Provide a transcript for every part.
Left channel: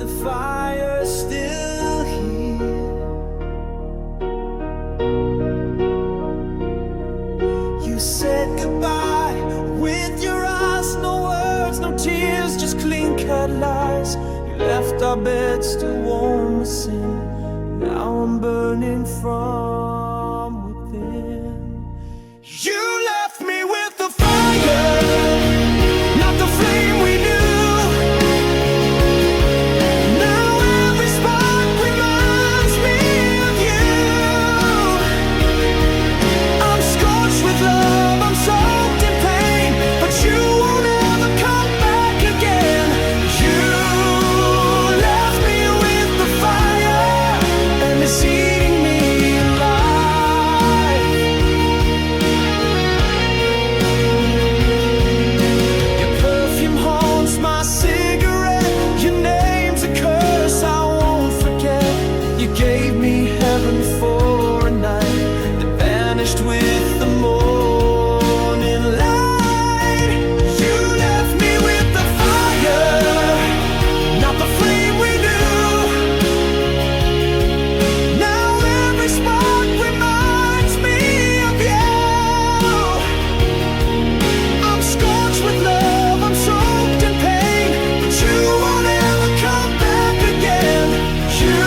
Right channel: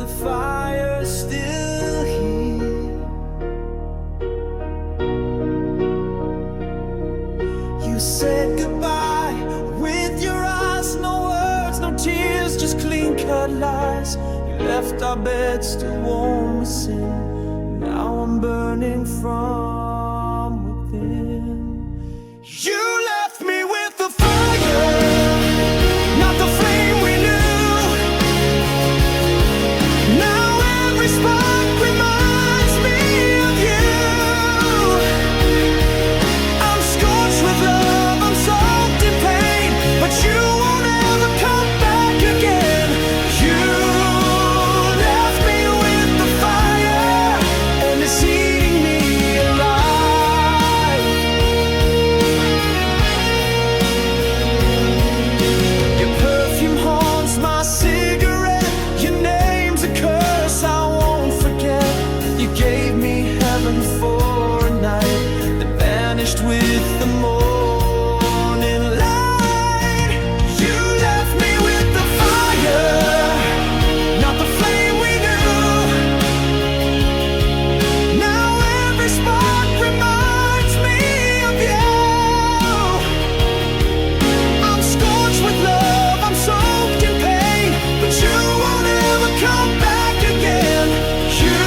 the fire still here. You said goodbye with your eyes, no words, no tears, just clean-cut lies. You left our bed still warm with sin. Now I'm burning from within. You left me with the fire, not the flame we knew. Now every spark reminds me of you. I'm scorched with love, I'm soaked in pain, but you won't ever come back again. You left me with the fire, and it's eating me alive. Your perfume haunts my cigarette, your name's a curse I won't forget. You gave me heaven for a night that vanished with the morning light. You left me with the fire, not the flame we knew. Now every spark reminds me of you. I'm scorched with love, I'm soaked in pain, but you won't ever come back again. You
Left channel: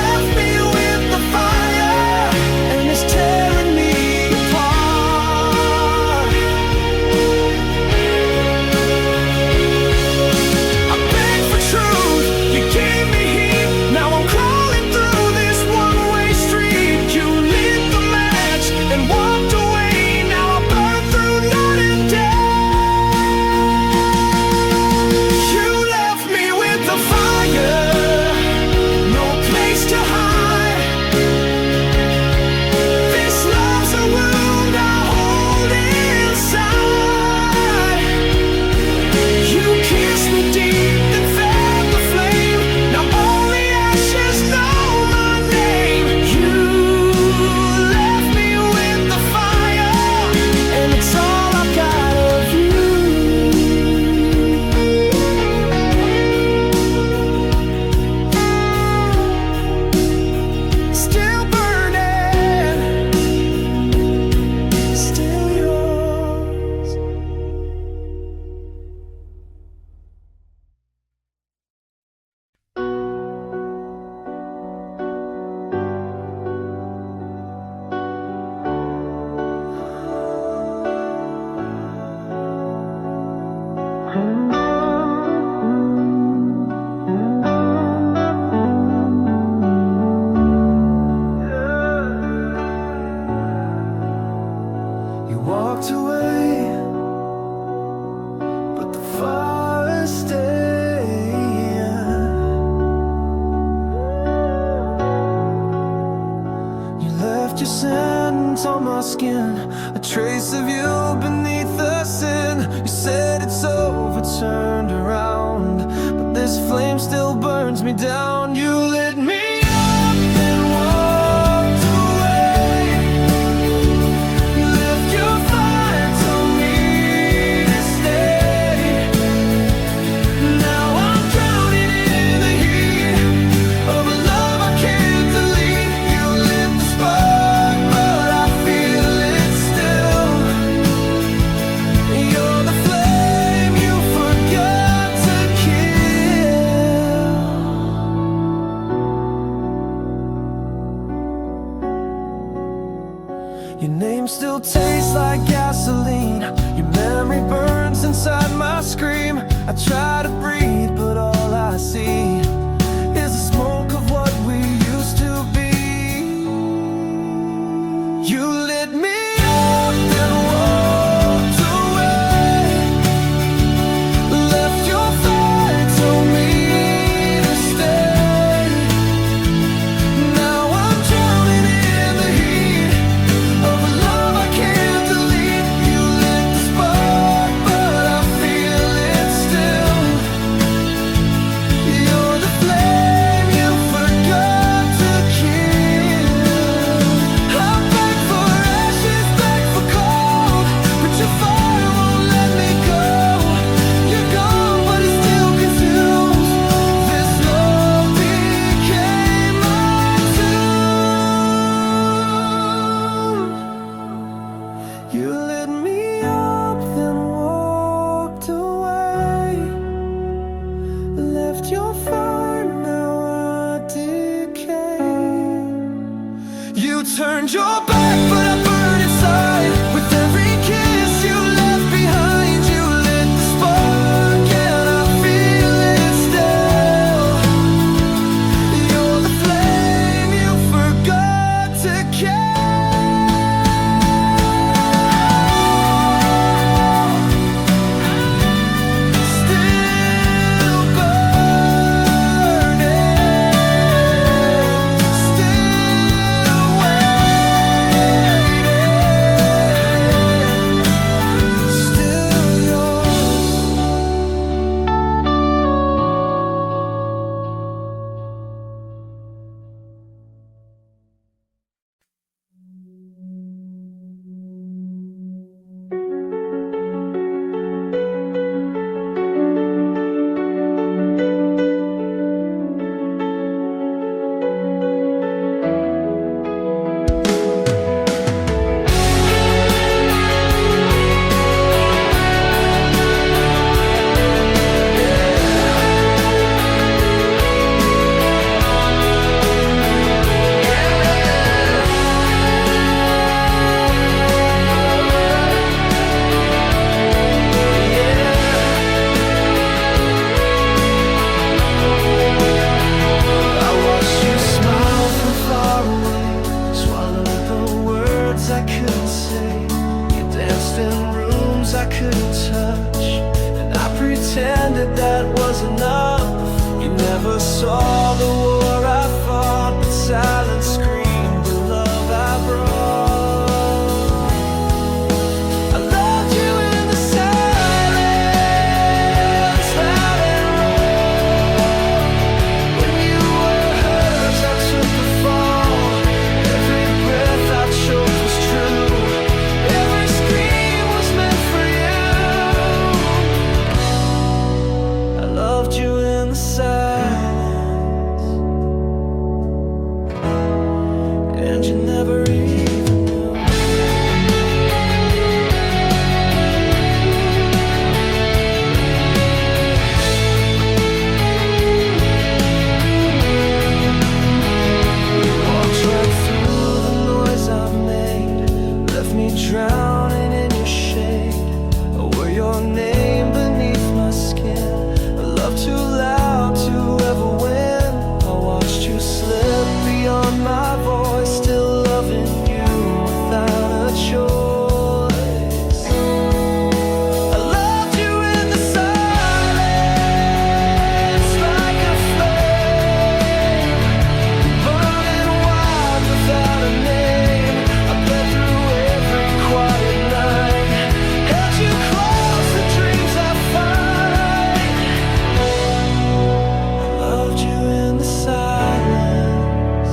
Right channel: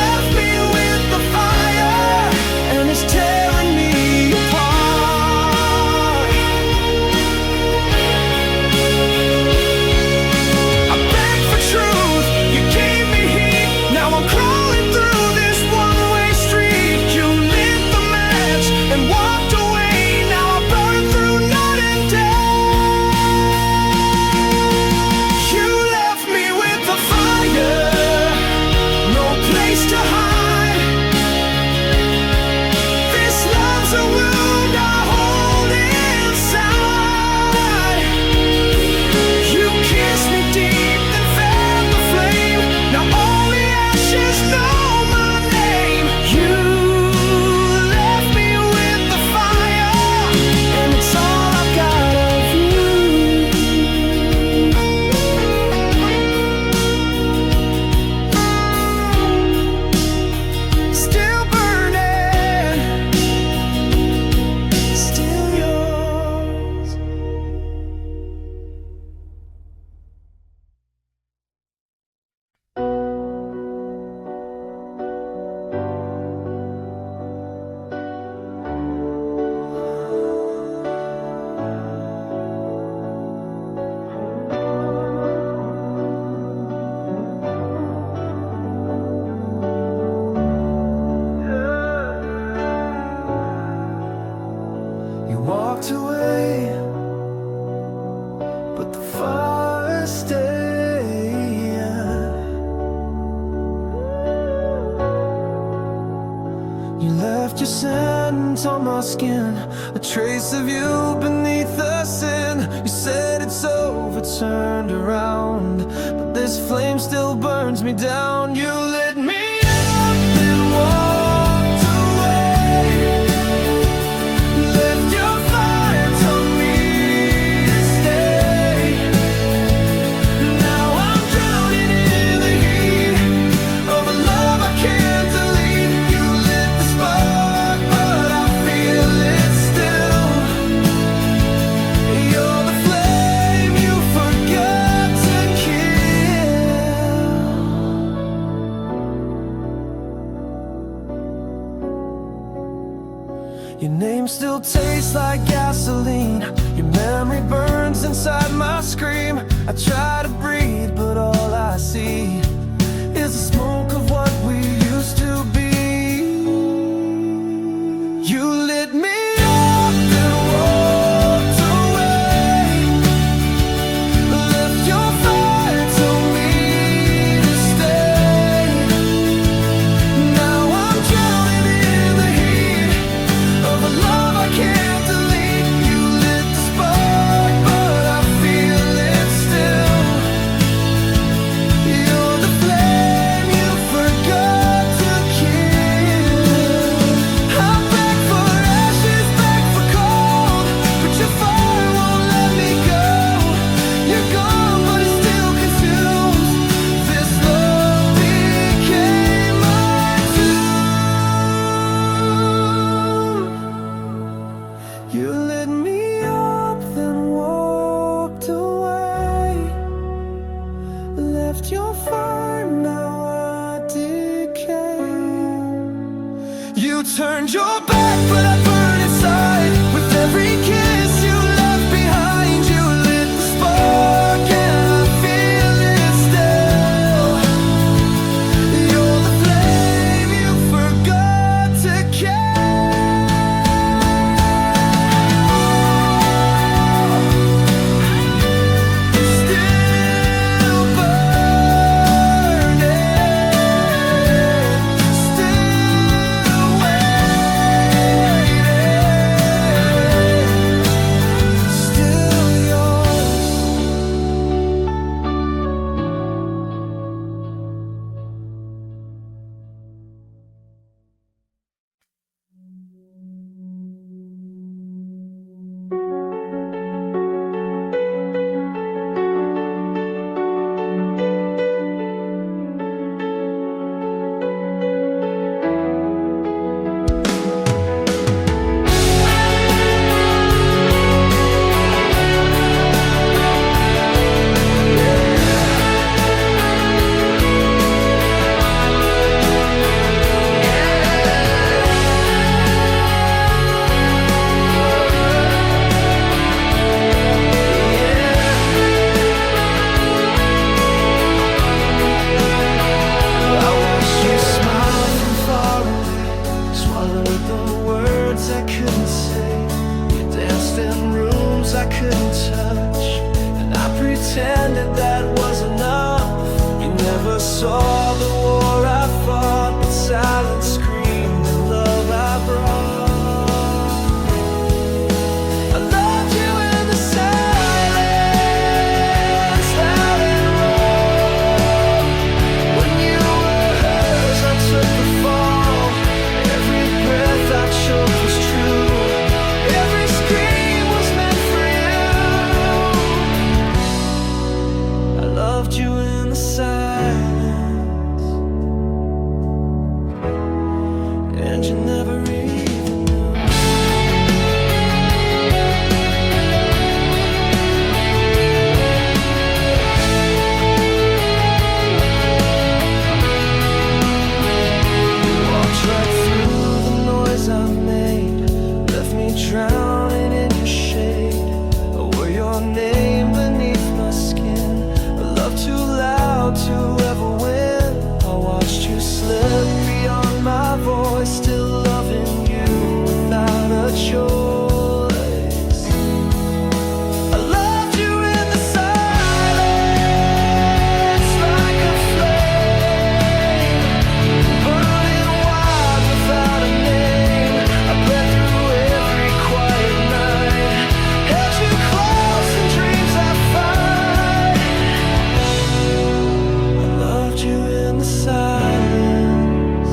left me with the fire, and it's tearing me apart. I begged for truth, you gave me heat. Now I'm crawling through this one-way street. You lit the match and walked away. Now I burn through night and day. You left me with the fire, no place to hide. This love's a wound I hold inside. You kissed me deep, then fed the flame. Now only ashes know my name. You left me with the fire, and it's all I've got of you. Still burning, still yours. You walked away, but the fire stayed. You left your scent on my skin, a trace of you beneath the sin. You said it's over, turned around, but this flame still burns me down. You lit me up, then walked away. Left your fire, told me to stay. Now I'm drowning in the heat of a love I can't delete. You lit the spark, but I feel it still. You're the flame you forgot to kill. Your name still tastes like gasoline. Your memory burns inside my scream. I try to breathe, but all I see is the smoke of what we used to be. You lit me up, then walked away. Left your fire, told me to stay. Now I'm drowning in the heat of a love I can't delete. You lit the spark, but I feel it still. You're the flame you You turned your back, but I burn inside. With every kiss you left behind, you lit the spark, and I feel it still. You're the flame you forgot to kill. I couldn't say. You danced in rooms I couldn't touch, and I pretended that was enough. You never saw the war I fought, but silence screamed the love I brought. I loved you in the silence, loud and raw. When you were hers, I took the fall. Every breath I choked was true. Every scream was meant for you. I loved you in the silence, and you never even knew. You walked right through the noise I made, left me drowning in your shade. I wore your name beneath my skin, a love too loud to ever win. I watched you slip beyond my voice, still loving you without a choice. I loved you in the silence, like a flame, burning wild without a name. I bled through every quiet night, held you close in dreams I fight. I loved you in the silence,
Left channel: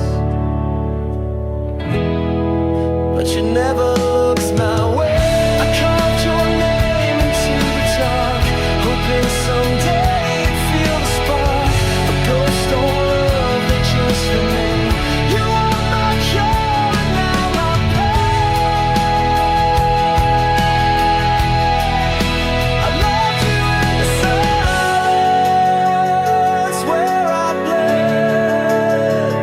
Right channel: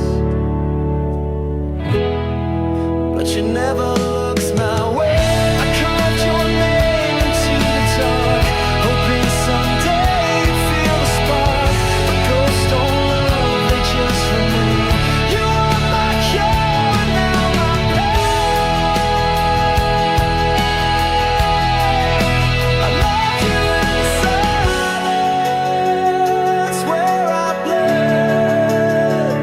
but you never looked my way. I carved your name into the dark, hoping someday you'd feel the spark. But ghosts don't love, they just remain. You are my cure and now my pain. I loved you in the silence, where I bled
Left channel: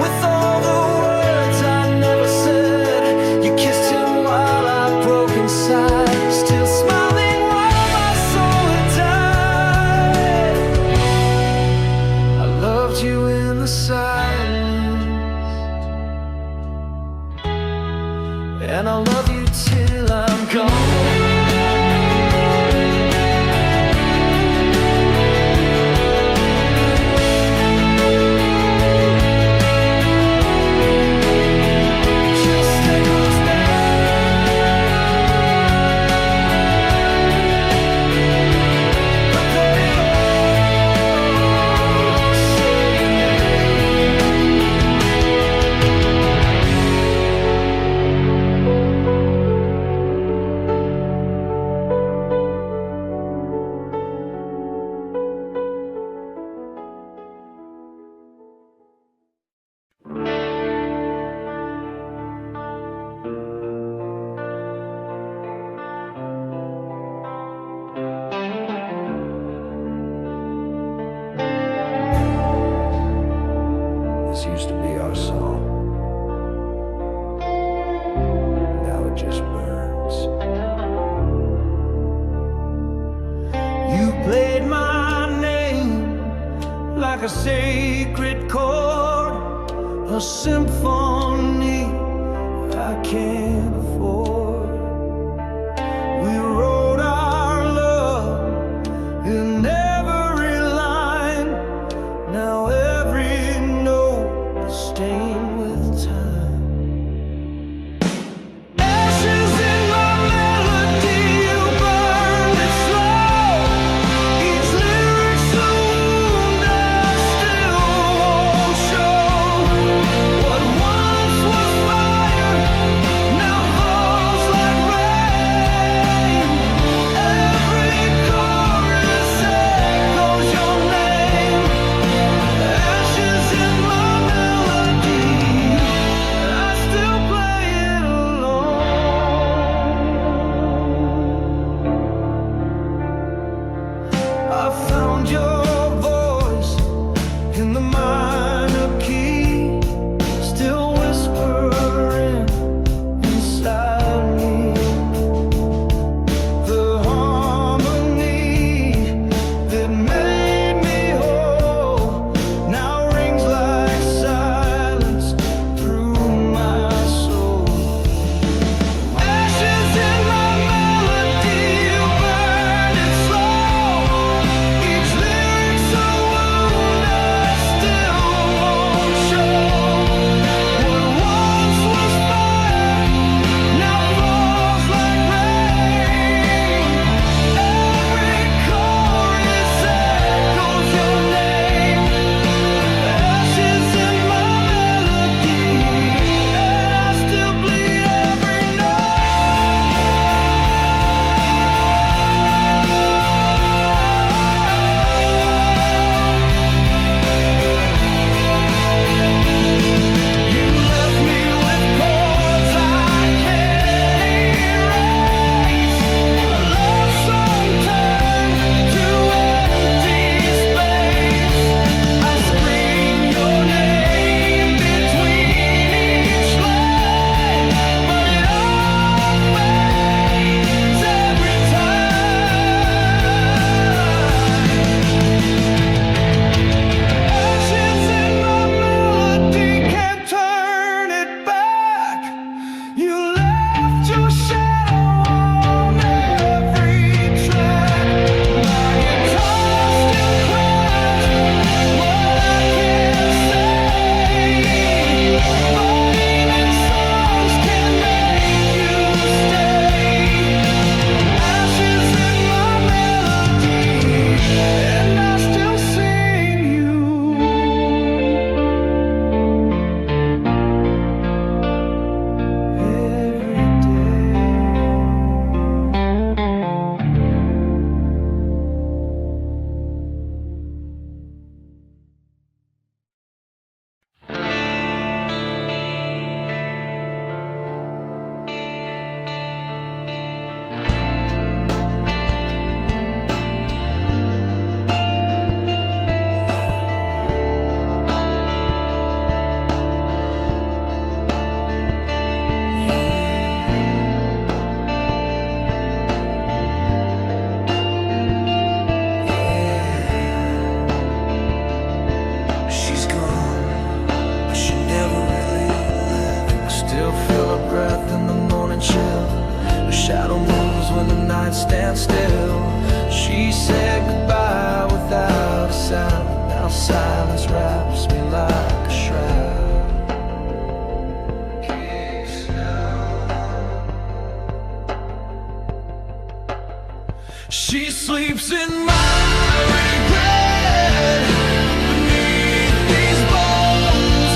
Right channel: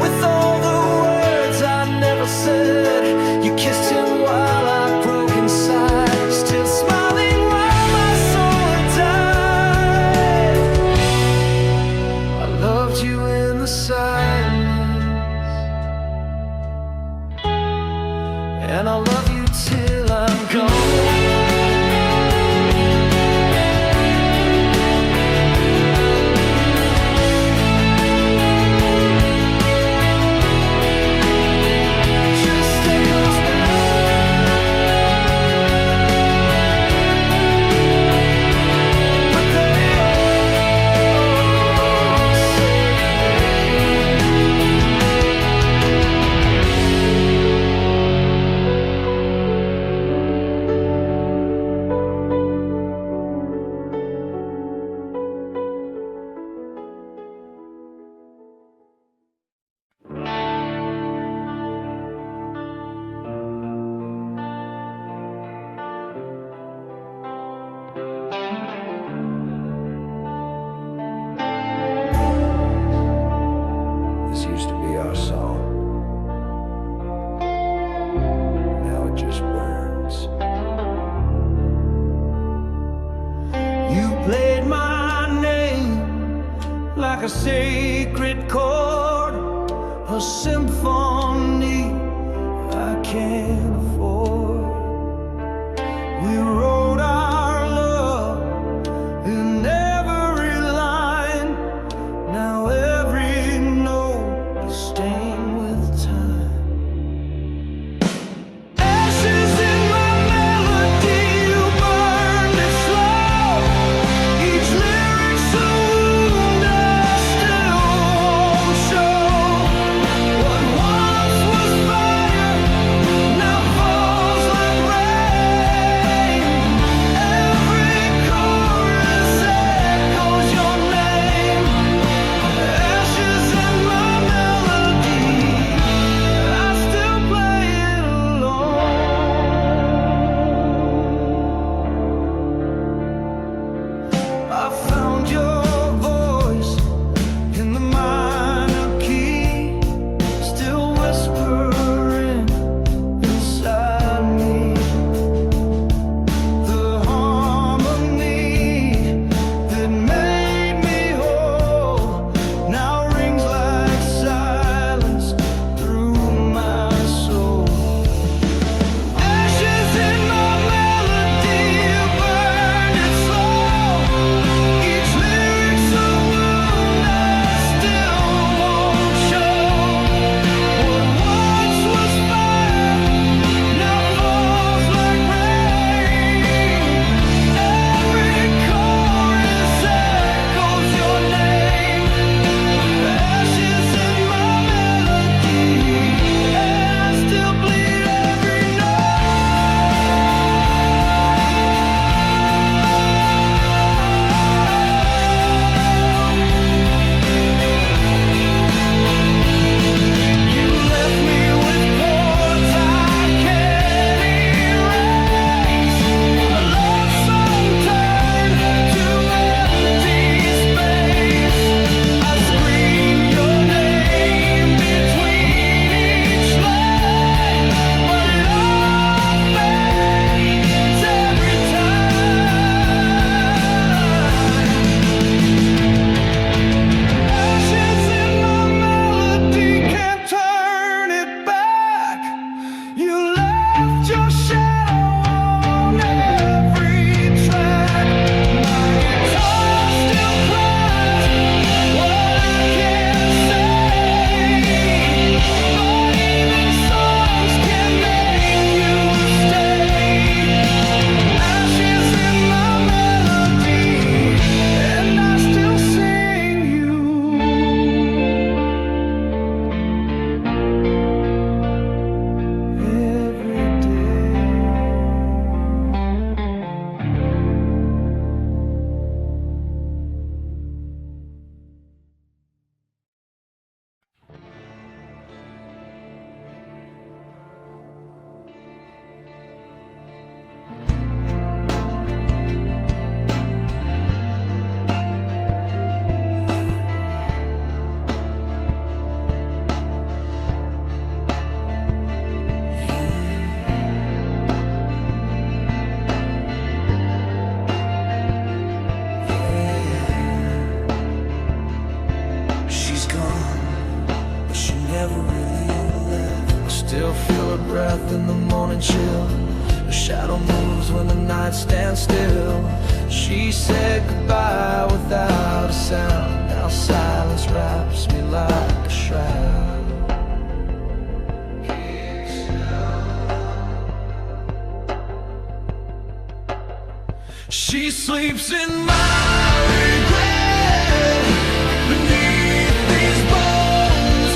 with all the words I never said. You kissed him while I broke inside, still smiling while my soul had died. I loved you in the silence, and I'll love you till I'm gone. played my name like a sacred chord, a symphony I can't afford. We wrote our love in every line. Now every note is stained with time. Ashes in my melody, you burned it slow. Each lyric's a wound I still won't show. What once was fire now falls like rain. Every chorus echoes your name. Ashes in my melody, I still play it alone. I found your voice in the minor key, still whispering inside me. The harmony that made me whole now rings like silence through my soul. Ashes in my melody, you burned it slow. Each lyric's a wound I still won't show. What once was fire now falls like rain. Every chorus echoes your name. Ashes in my melody, and I still bleed every You left me with chords I can't erase. A love song turned to empty space. I scream your name between each line, but it all fades every time. Ashes in my melody, can't turn it back. You left your shadow on every track. My guitar still cries what I can't say, but even songs can make you stay. Ashes in my melody, and I still sing you every day. She's gone, but she never really left. I still feel her breath in the morning chill. Her shadow moves when the night stands still. She said goodbye without a sound. Now silence wraps me like a shroud. She sleeps in my regret. Beneath these bones,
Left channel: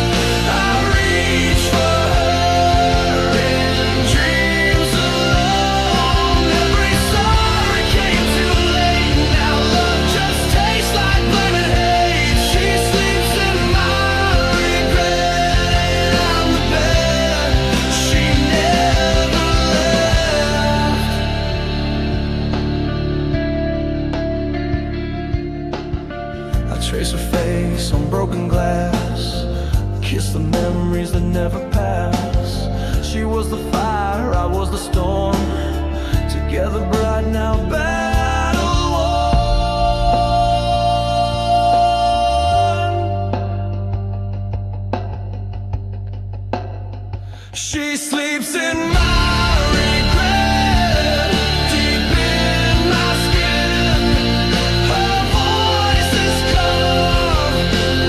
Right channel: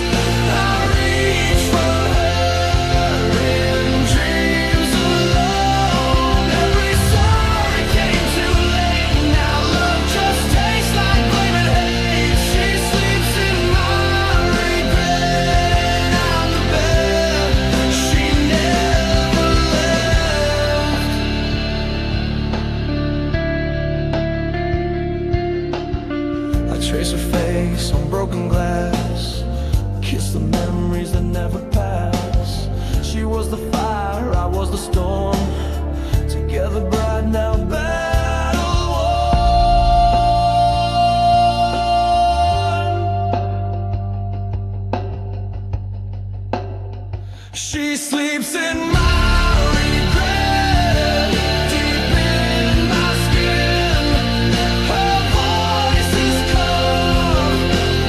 I reach for her in dreams alone. Every sorry came too late. Now love just tastes like blame and hate. She sleeps in my regret, and I'm the bed she never left. I trace her face on broken glass, kiss the memories that never pass. She was the fire, I was the storm, together bright now battle worn. She sleeps in my regret, deep in my skin. Her voice is calm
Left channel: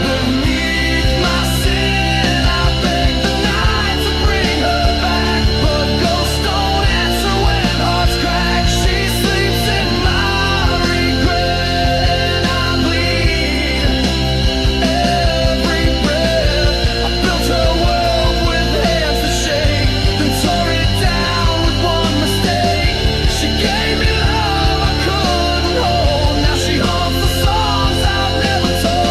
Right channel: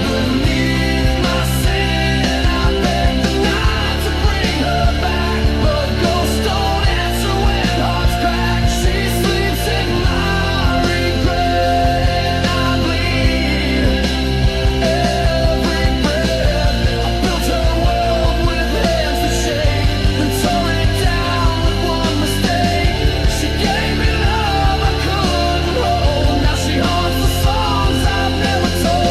beneath my sin. I beg the night to bring her back, but ghosts don't answer when hearts crack. She sleeps in my regret, and I bleed every breath. I built her world with hands that shake, then tore it down with one mistake. She gave me love I couldn't hold. Now she haunts the songs I've never told.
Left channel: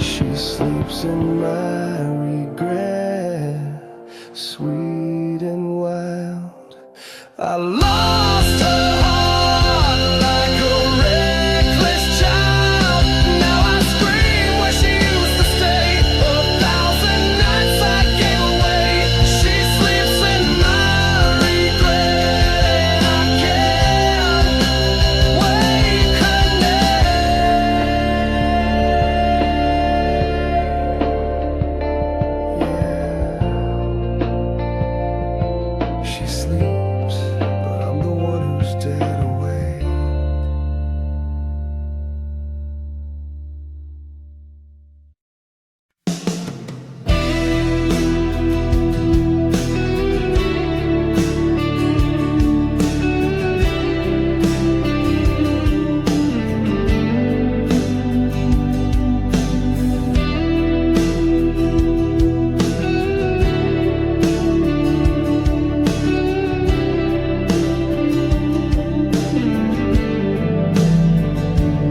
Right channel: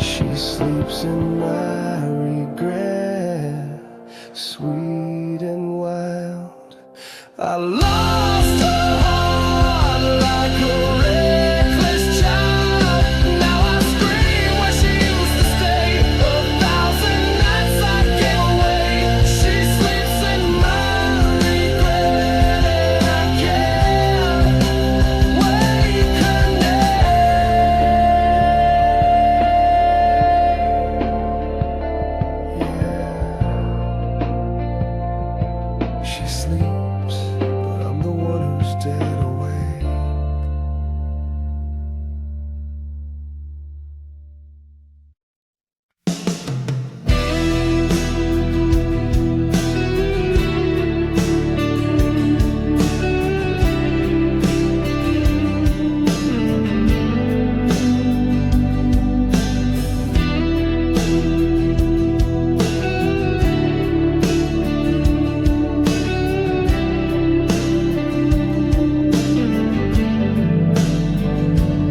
She sleeps in my regret, sweet and wild. I lost her heart like a reckless child. Now I scream where she used to stay. 1,000 nights I gave away. She sleeps in my regret, and I can't wake her name. Yeah, she sleeps, but I'm the one who's dead away.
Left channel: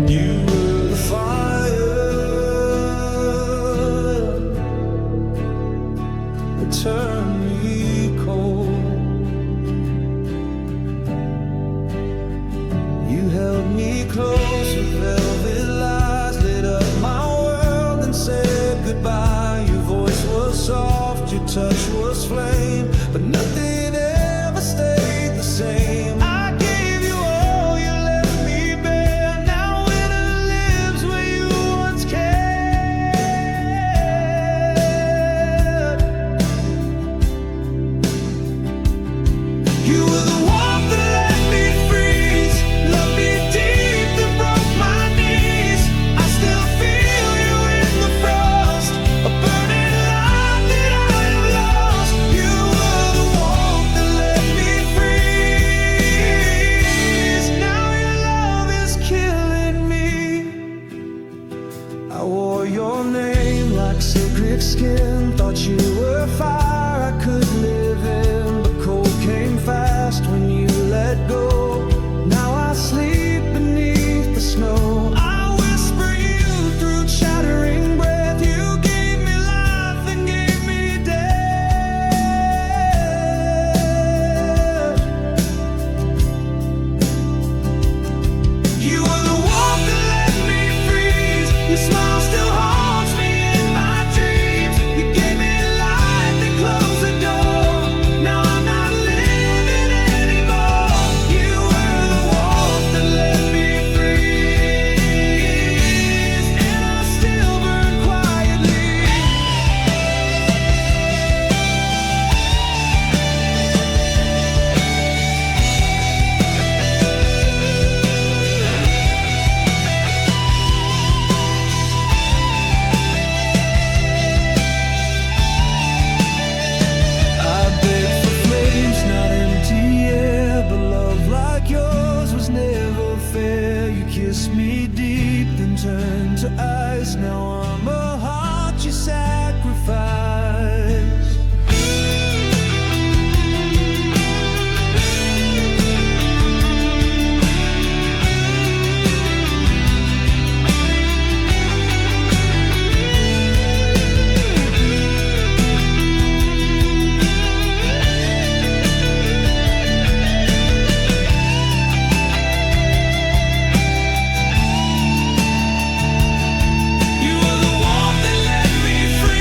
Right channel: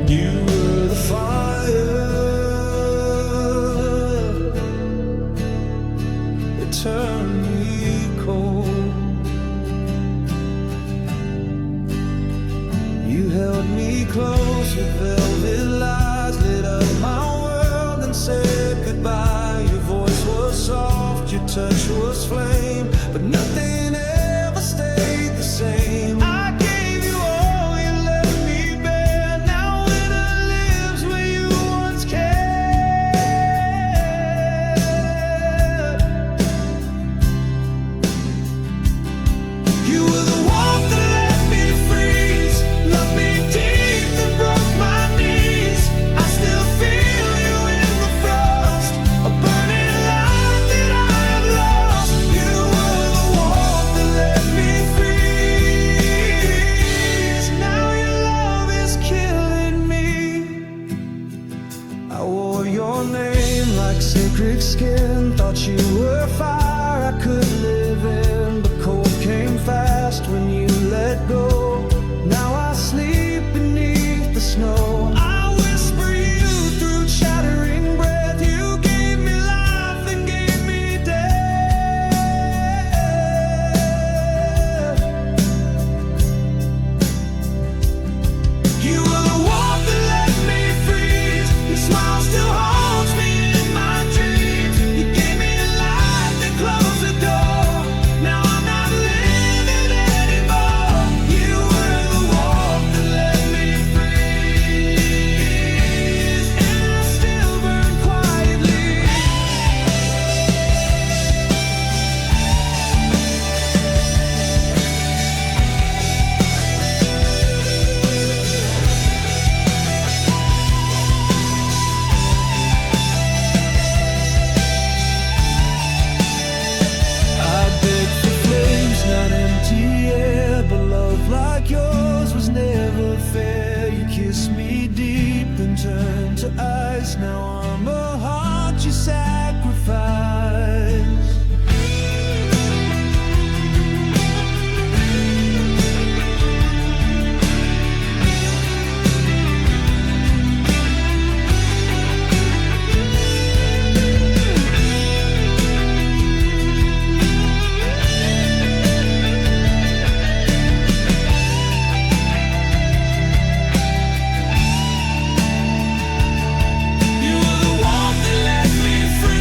You were the fire that turned me cold. You held me close with velvet lies, lit up my world and said goodbye. Your voice was soft, your touch was flame, but nothing ever stayed the same. I gave you all, you left me bare. Now winter lives where you once cared. You were the warmth that let me freeze, loved me deep then broke my knees. I still feel you in the frost, a burning light that I have lost. You were the warmth that let me freeze. Now your love is killing me. I wore your name like sacred skin, thought you were fire I could live in, but cold came fast when you let go. Now I sleep beneath the snow. I whisper you through chattering breath. You gave me life and gave me death. You were the warmth that let me freeze. Your smile still haunts me in my dreams. You gave me light, then closed the door. Now I'm not living anymore. You were the warmth that let me freeze, and I still burn quietly. I begged for flames, not empty air, but love like yours was never fair. You kissed me deep, then turned to ice. Now I'm a heart you sacrificed. You were the warmth that let me free.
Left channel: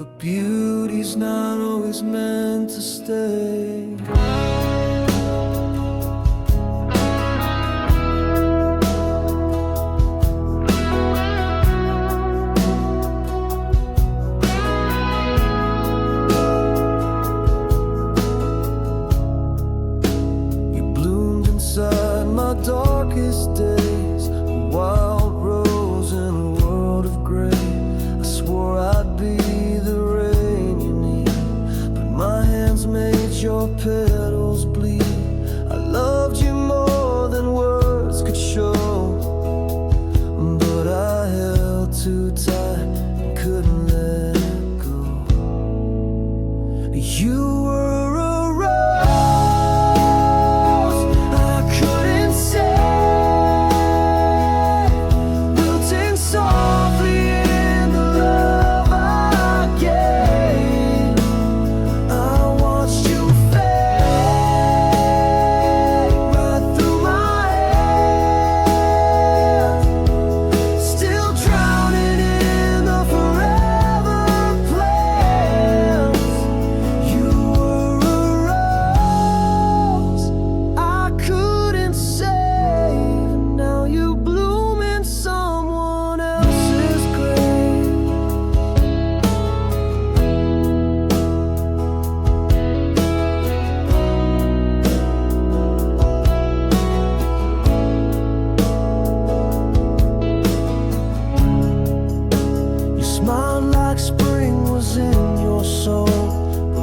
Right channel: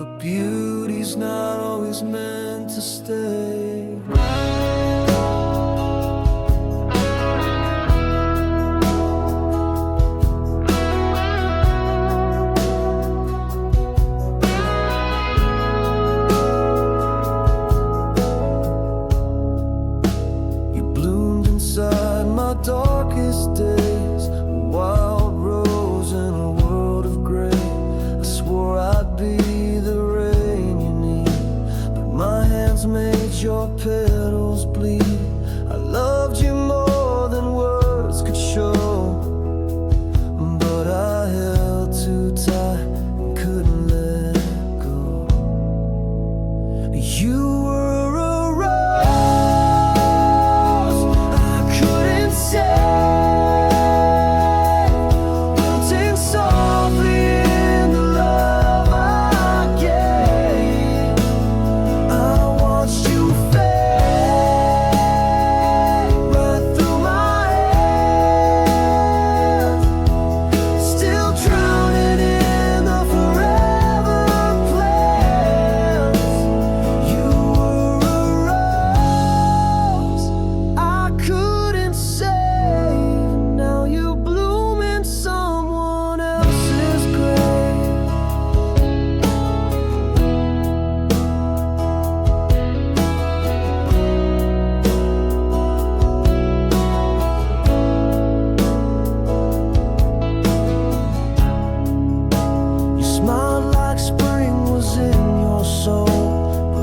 but beauty's not always meant to stay. Inside my darkest days, a wild rose in a world of gray. I swore I'd be the rain you need, but my hands made your petals bleed. I loved you more than words could show, but I held too tight and couldn't let go. You were a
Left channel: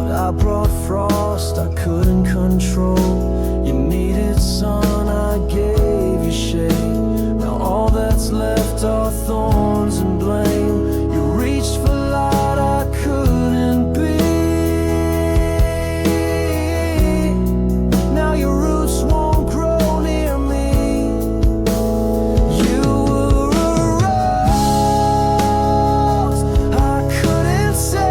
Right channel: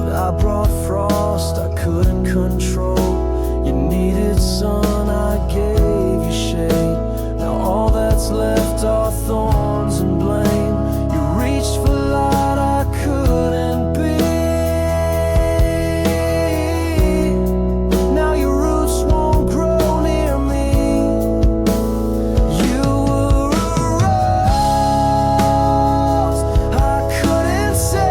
I brought frost I couldn't control. You needed sun, I gave you shade. Now all that's left are thorns and blame. You reached for light I couldn't be. Now your roots won't grow near me. You were a rose I couldn't say.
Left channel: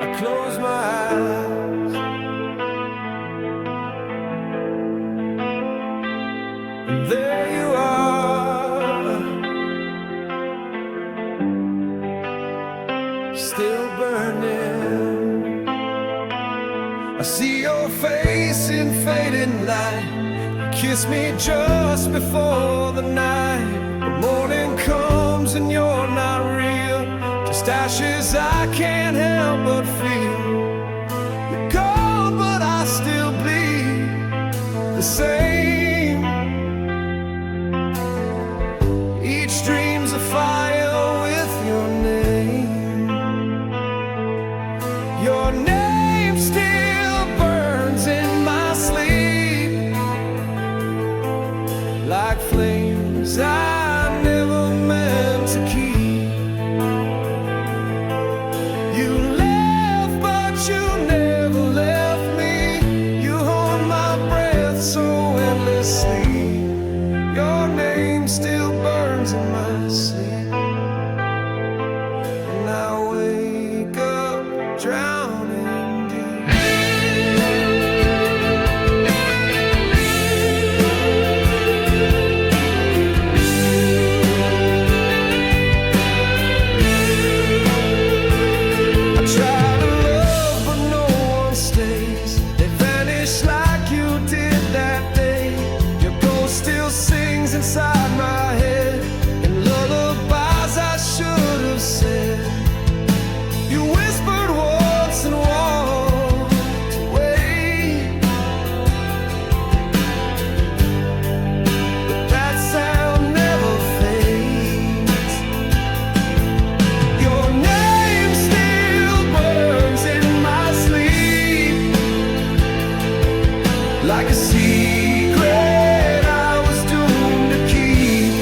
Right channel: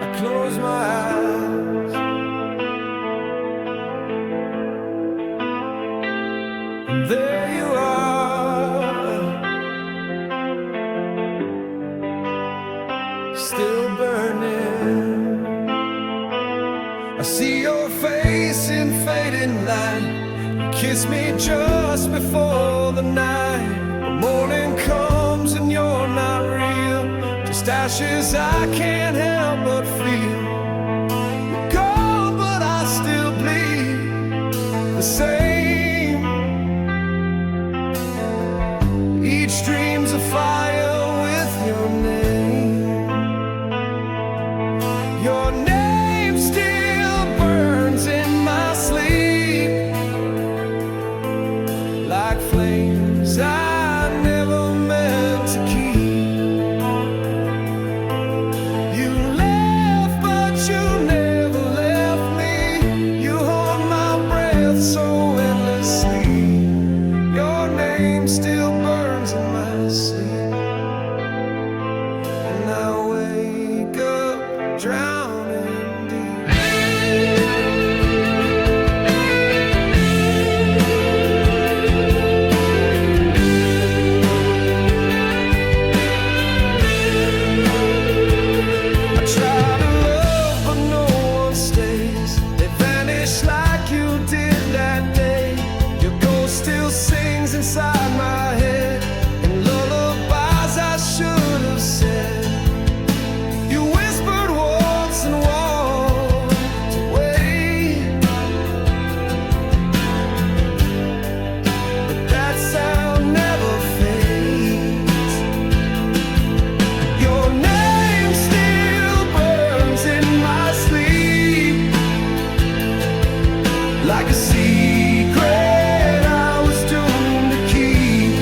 I close my eyes and there you are, still burning. I see your face in fading light. You kiss me just before the night. The morning comes and you're not real, just ashes I can't help but feel. You're gone but I still bleed the same. Each dream's a fire with your name. Your name still burns in my like flames I never meant to keep. You left, but you never left me. You hold my breath so endlessly. Your name still burns in my sleep, and I wake up drowning deep. I try to love, but no one stays. They vanish like you did that day. Your ghost still sings inside my head, and lullabies I should have said. You whispered once and walked away, but that sound never fades. Your name still burns in my sleep, like a secret I was doomed to keep.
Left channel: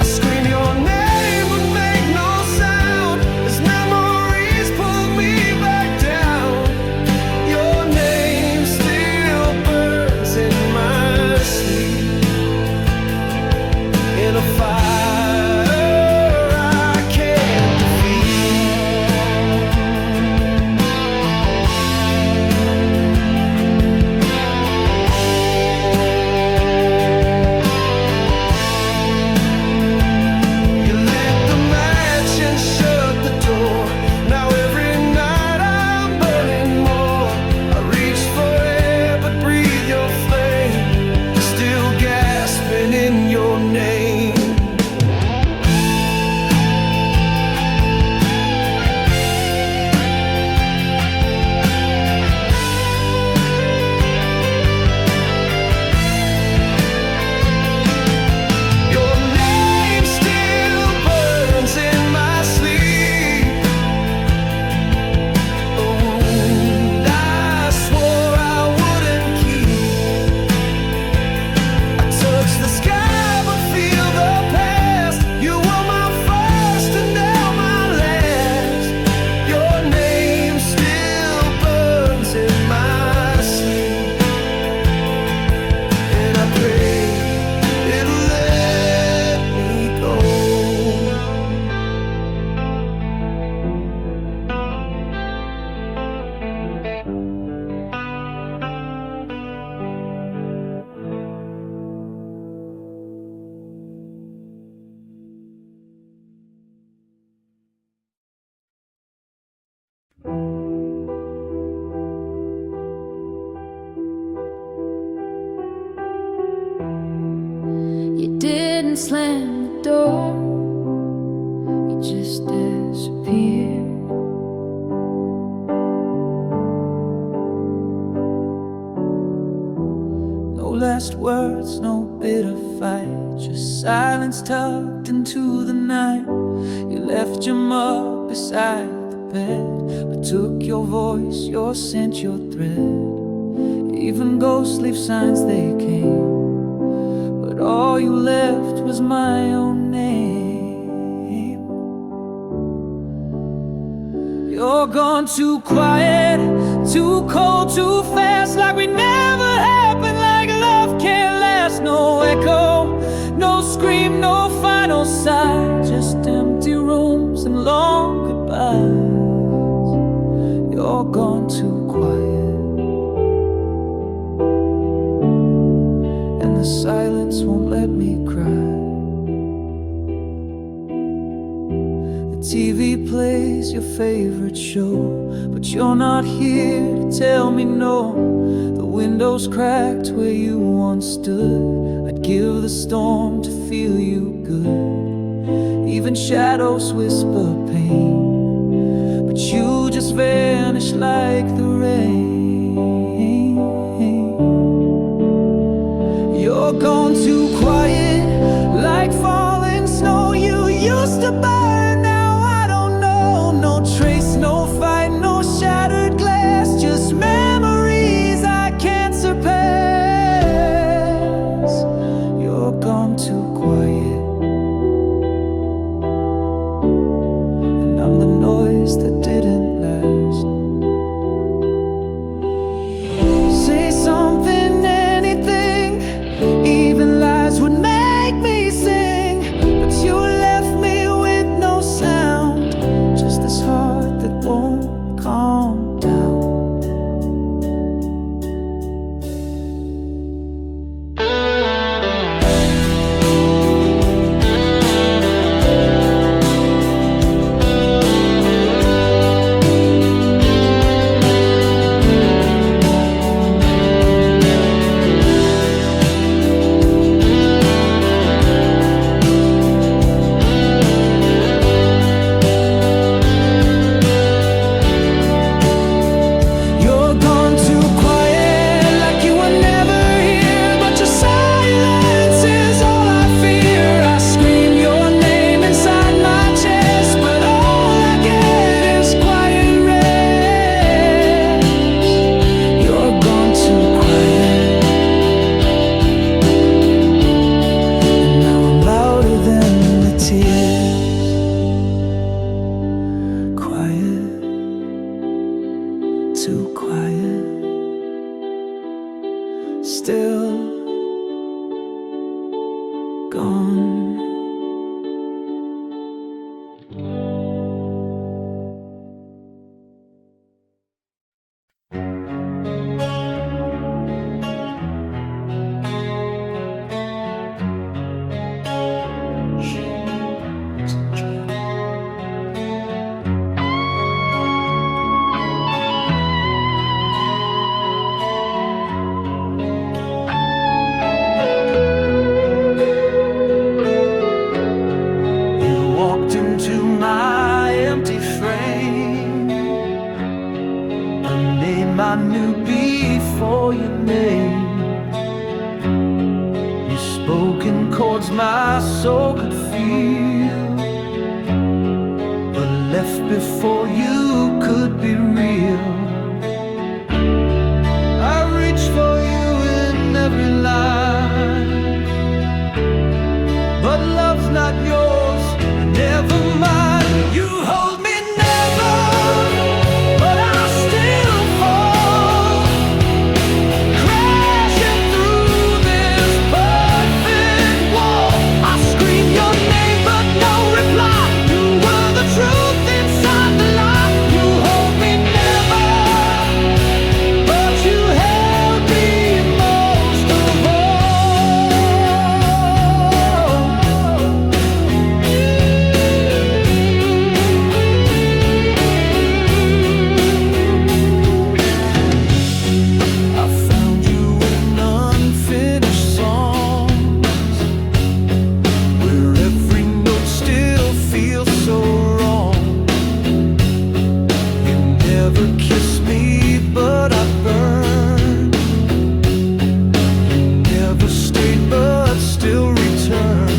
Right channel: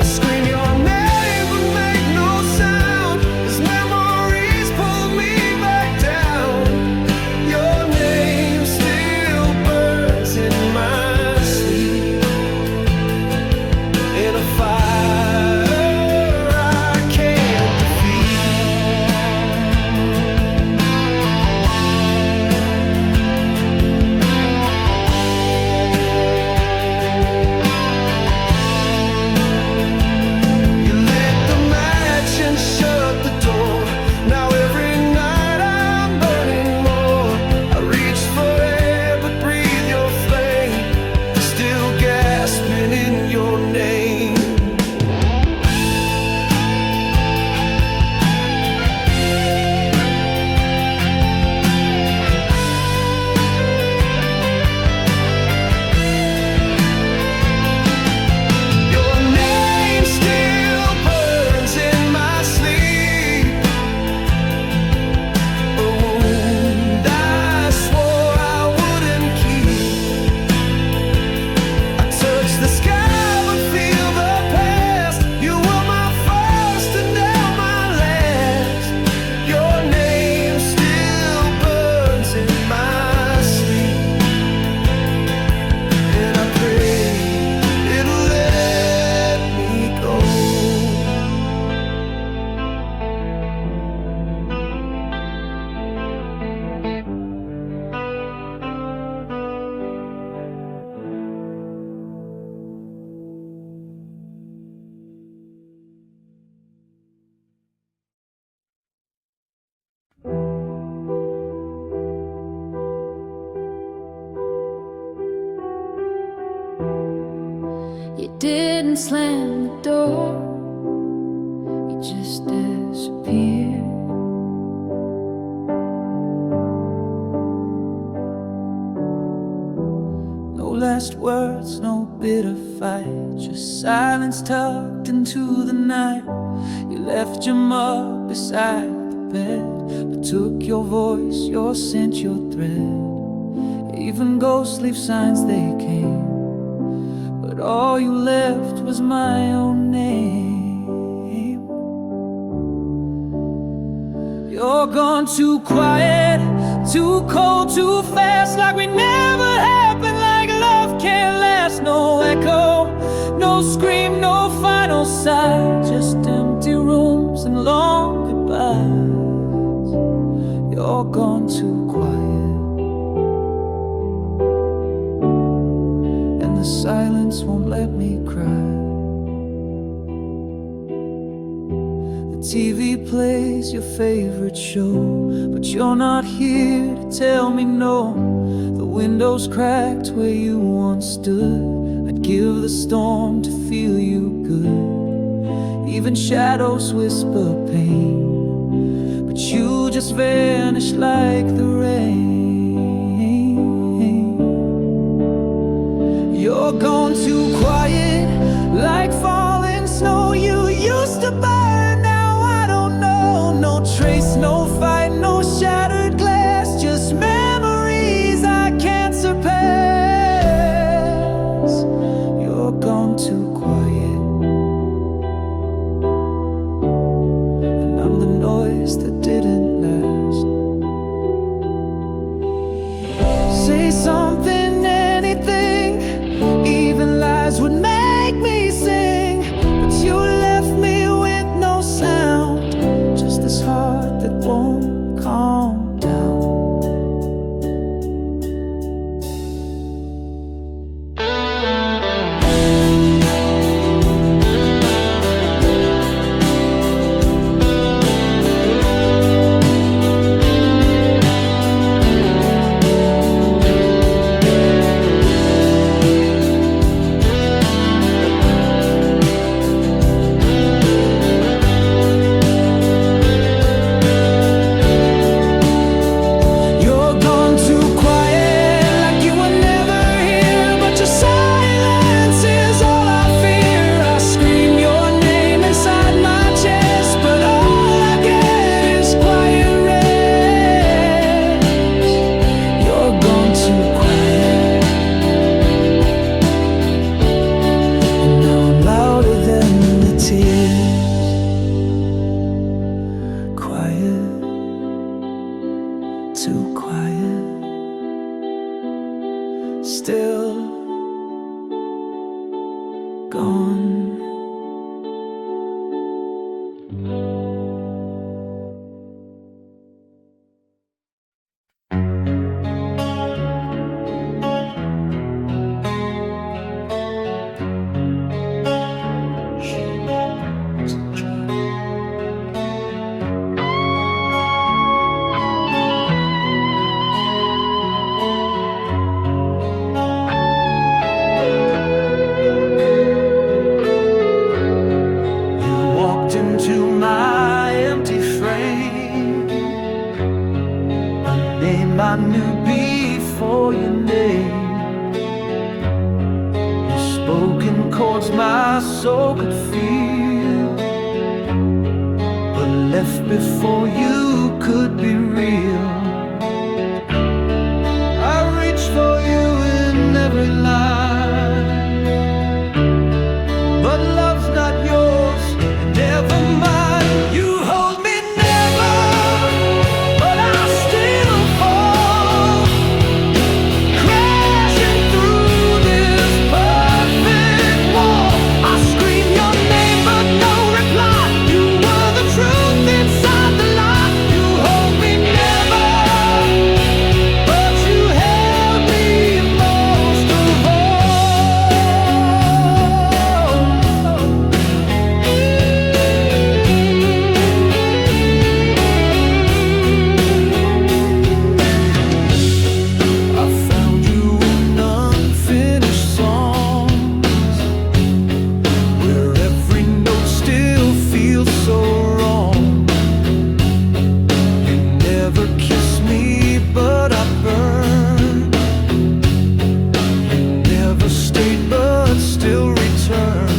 I scream your name but make no sound, as memories pull me back down. Your name still burns in my sleep, in a fire I can't defeat. You lit the match and shut the door. Now every night I'm burning more. I reach for air but breathe your flame, still gasping in your name. Your name still burns in my sleep, a wound I swore I wouldn't keep. I touch the sky but feel the past. You were my first and now my last. Your name still burns in my sleep, and I pray it'll let me go. You didn't slam the door, you just disappeared. No last words, no bitter fight, just silence tucked into the night. You left your mug beside the bed, but took your voice, your scent, your thread. Even ghosts leave signs they came, but all you left was my own name. You're gone too quiet, too cold, too fast, like we never happened, like love can't last. No echo, no scream, no final sigh, just empty rooms and long goodbyes. You're gone too quiet, and the silence won't let me cry. The TV plays your favorite show, but you're not here to tell me no. The window's cracked where you once stood. I'd give the storm to feel you good. Even shadows whisper pain, but you just vanish like the rain. You're gone too quiet, like falling snow. You used to burn, now I don't know. No trace, no fight, no shattered glass, just memories I can't surpass. say something, anything, even lies would make me sing. But you left me with no sound, just this heart that won't calm down. Too quiet, still gone. Into my empty frame, a name I knew before your name. You spoke in chords my soul could feel, but left before you could be real. I reached for you in every line, but love's not yours. Never mind, you hold me never, but I still fall, crashing through this perfect wall. I scream your name, but no reply. You were the truth inside the lie. You hold me never, but you held me most of all. So wrong. You never kissed me, but I burned. You never stayed, but still returned.